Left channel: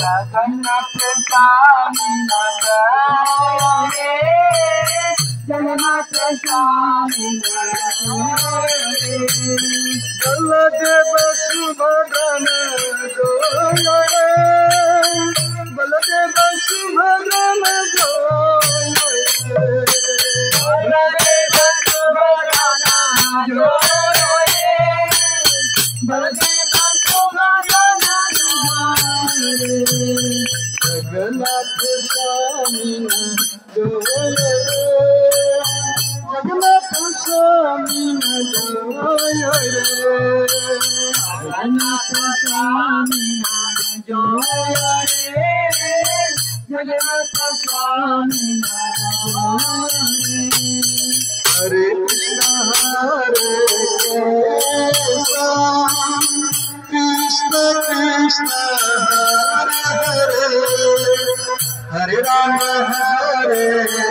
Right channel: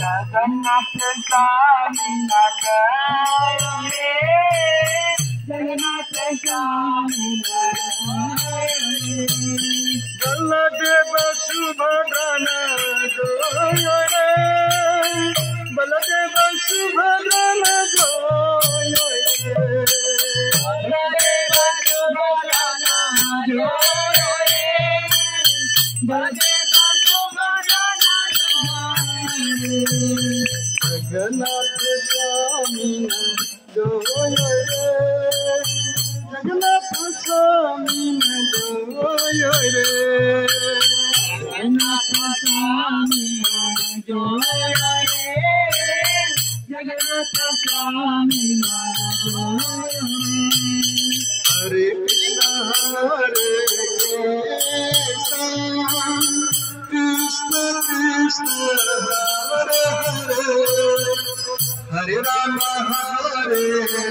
जगन्नाथ स्वामी नगर रे, जगन्नाथ स्वामी नगर रे। बलदेव सुभद्रन जोय रे, बलदेव सुभद्रन जोय रे, बलदेव सुभद्रन जोय रे, बलदेव सुभद्रन जोय रे। जगन्नाथ स्वामी जोय रे, जगन्नाथ स्वामी जोय रे, जगन्नाथ स्वामी जोय रे, जगन्नाथ स्वामी जोय रे। हरे कृष्ण कृष्ण कृष्ण हरे हरे, हरे राम हरे